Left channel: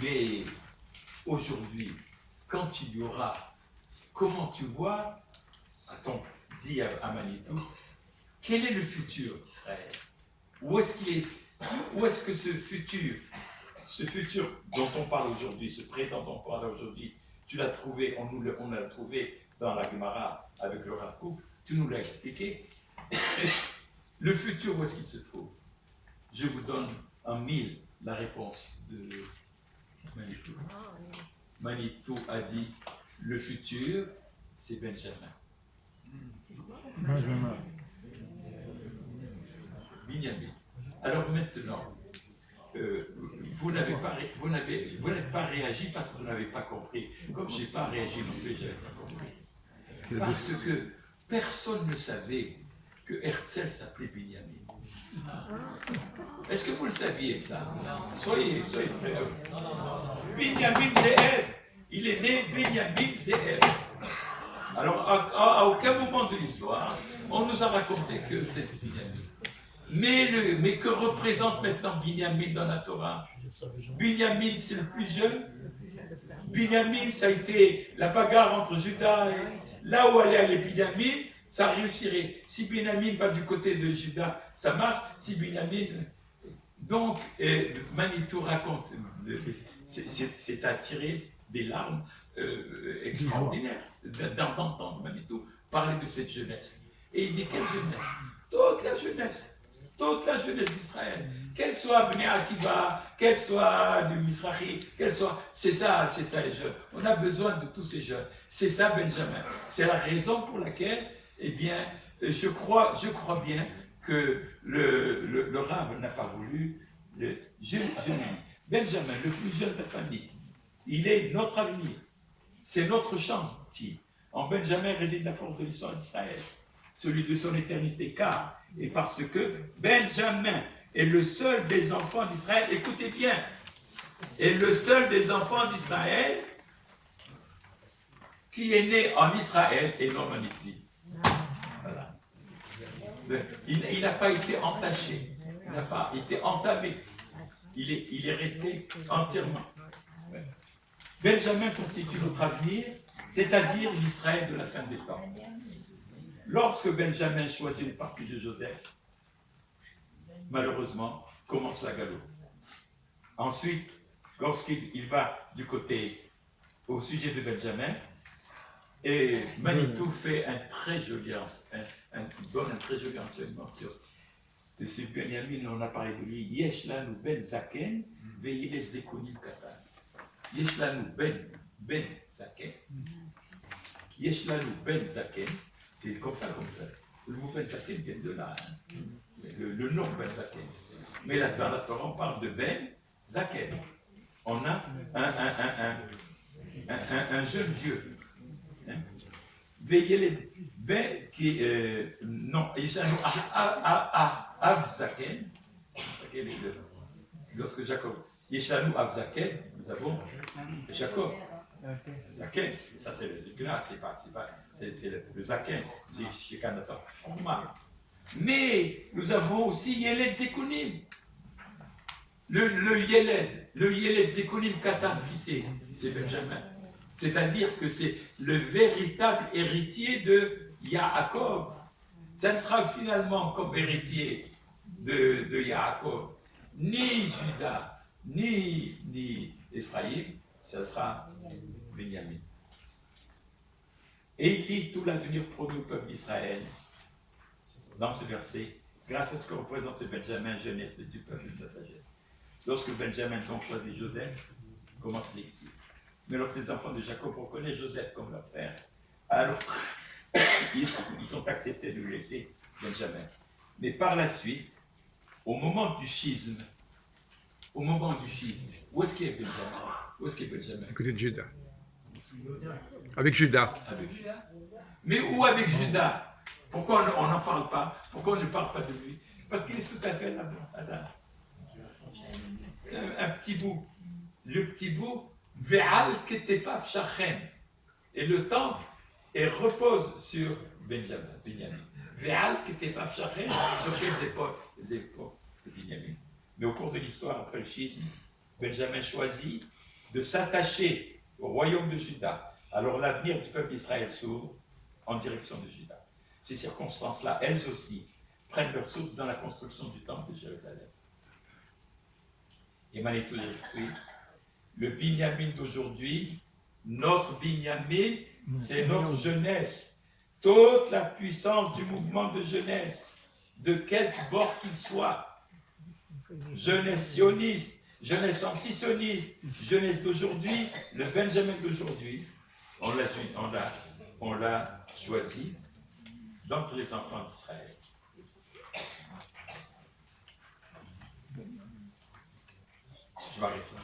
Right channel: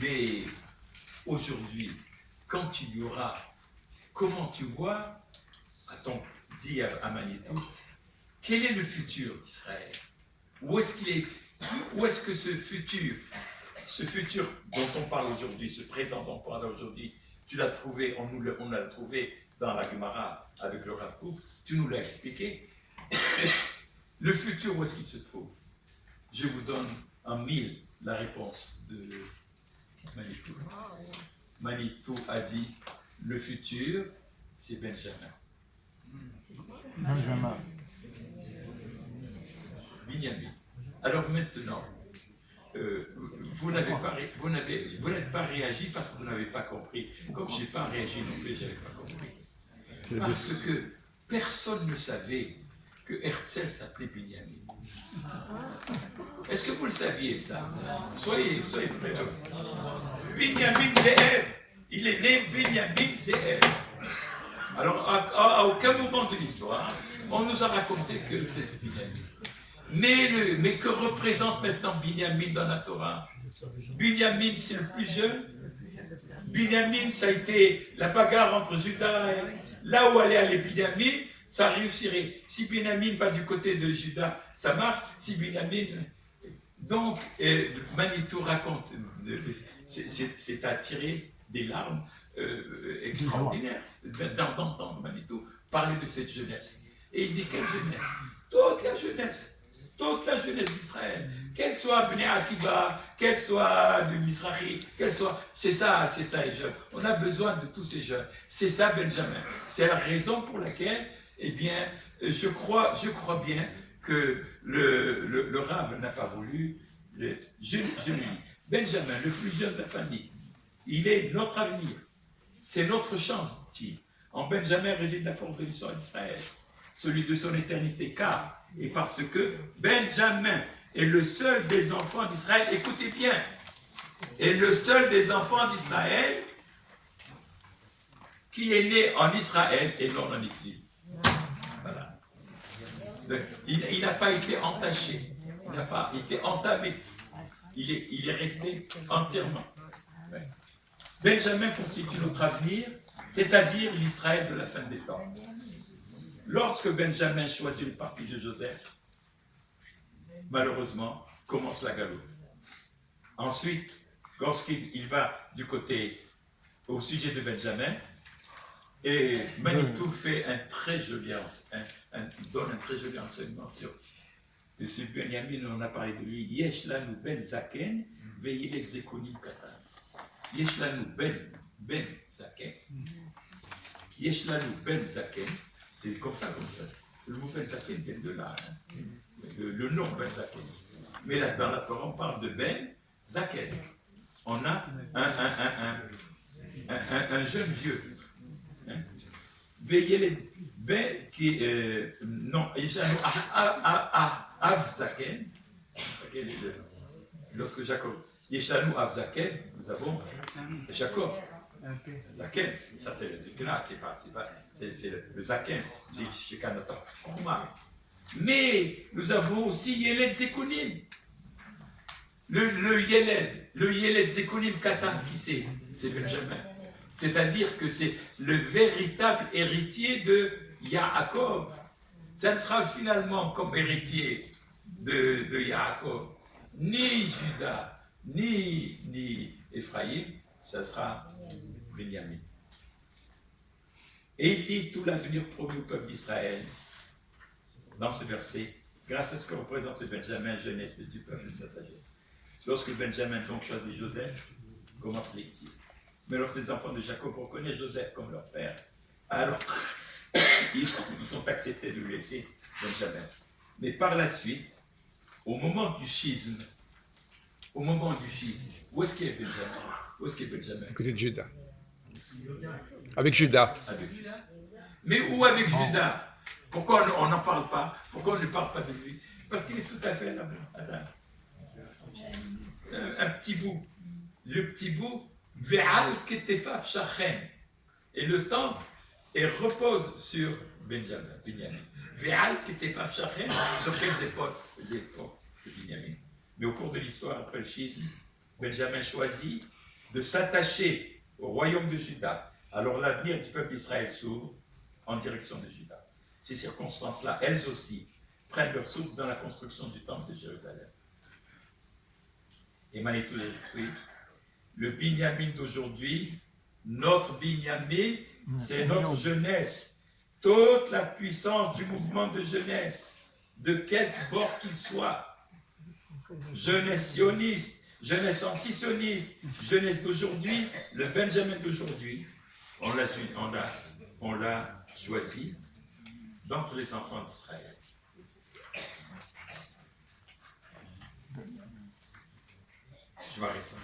Mais aujourd'hui, quand il y aura, comment tu vois, a-t-on dit à Manitou, quel est le futur d'Israël? Où est-ce qu'il est? Où est-ce que ce futur dont on parle aujourd'hui, ce présent dont on parle aujourd'hui, tu l'as trouvé, on l'a trouvé dans la Gemara avec le Rav Kook, tu nous l'as expliqué. Le futur, où est-ce qu'il se trouve? Je vous donne en 1000 la réponse de Manitou. Manitou a dit, le futur, c'est Benjamin. Benjamin. Binyamin. Alors maintenant, vous n'êtes pas réagi parce que vous n'avez pas compris. Comme je n'ai pas réagi non plus, je n'avais pas compris. Parce que personne ne savait que Herzl s'appelait Binyamin. Est-ce que vous le saviez, ça? Soyez prêts. Binyamin Ze'ev. Il est né Binyamin Ze'ev. Alors, à aucun moment de l'histoire, on nous a raconté que c'est Binyamin. Mais que représente maintenant Binyamin dans la Torah? Binyamin, c'est le plus jeune. Binyamin, ça a été la bagarre entre Judas et là où allait aller Binyamin, ça réussirait. Si Binyamin va du côté de Judas, ça marche. Si Binyamin... Donc, Manitou raconte, c'est à tirer des larmes extraordinaires d'entendre Manitou parler de cette jeunesse. Et il dit, quelle jeunesse? Toute la jeunesse. Toute la jeunesse d'Israël, qu'elle soit Bnei Akiva, qu'elle soit du Mizrahi, qu'elle soit... C'est ça les jeunes. On a besoin de tous ces jeunes. C'est ça Benjamin. C'est la raison pour laquelle, eh bien, je crois bien que le Rav n'a pas voulu... Je dis, Benjamin, le plus jeune de la famille, il est notre avenir. C'est notre chance, dit-il. En Benjamin réside la force de l'histoire d'Israël, celui de son éternité, car... Et parce que Benjamin est le seul des enfants d'Israël, écoutez bien, est le seul des enfants d'Israël qui est né en Israël et non en exil. Voilà. Il n'a pas été entaché, il n'a pas été entamé, il est resté entièrement. Benjamin constitue notre avenir, c'est-à-dire l'Israël de la fin des temps. Lorsque Benjamin choisit le parti de Joseph, malheureusement, commence la galoute. Ensuite, lorsqu'il va du côté au sujet de Benjamin, et Manitou fait donne un très joli enseignement sur ce Benjamin, on a parlé de lui, Yesh lanu ben zaken, ve'yiled zekonim katan. Yesh lanu ben zaken. Yesh lanu ben zaken. C'est comme ça. Le mot Ben Zaken vient de là, hein. Le nom Ben Zaken. Mais là, dans la Torah, on parle de Ben Zaken. On a un jeune vieux. Hein. Veillez les Ben qui non, Av Zaken. Lorsque Jacob. Yeshanu Av Zaken, nous avons Jacob. Zaken, ça c'est le Zikla, c'est le Zaken, mais nous avons aussi Yeled Zekunim. Le Yeled Zekunim Katan, qui c'est Benjamin. C'est-à-dire que c'est le véritable héritier de Yaakov. Ça ne sera finalement comme héritier de Yaakov, ni Judas, ni Ephraïm, ça sera Benjamin. Et il lit tout l'avenir promis au peuple d'Israël dans ce verset, grâce à ce que représente Benjamin, jeunesse du peuple de sa sagesse. Lorsque Benjamin donc choisit Joseph, commence l'exil. Mais lorsque les enfants de Jacob reconnaissent Joseph comme leur frère, alors ils sont acceptés de lui laisser Benjamin. Mais par la suite, au moment du schisme, où est-ce qu'il y a Benjamin? Où est-ce qu'il y a Benjamin? À côté de Judas. Avec Judas. Avec Judas. Mais où avec Judas? Pourquoi on n'en parle pas? Pourquoi on ne parle pas de lui? Parce qu'il est tout à fait là-bas. Un petit bout. Le petit bout, Ve'al ketefaf shachem. Et le temps repose sur Benjamin. Ve'al ketefaf shachem. Sur quelles épaules? Les épaules de Benjamin. Mais au cours de l'histoire, après le schisme, Benjamin choisit de s'attacher au royaume de Juda, alors l'avenir du peuple d'Israël s'ouvre en direction de Juda. Ces circonstances-là, elles aussi, prennent leur source dans la construction du temple de Jérusalem. Et Manitou, le Binyamin d'aujourd'hui, notre Binyamin, c'est notre jeunesse. Toute la puissance du mouvement de jeunesse, de quelque bord qu'il soit, jeunesse sioniste, jeunesse antisioniste, jeunesse d'aujourd'hui, le Benjamin d'aujourd'hui, on l'a choisi d'entre les enfants d'Israël. Je m'arrête là.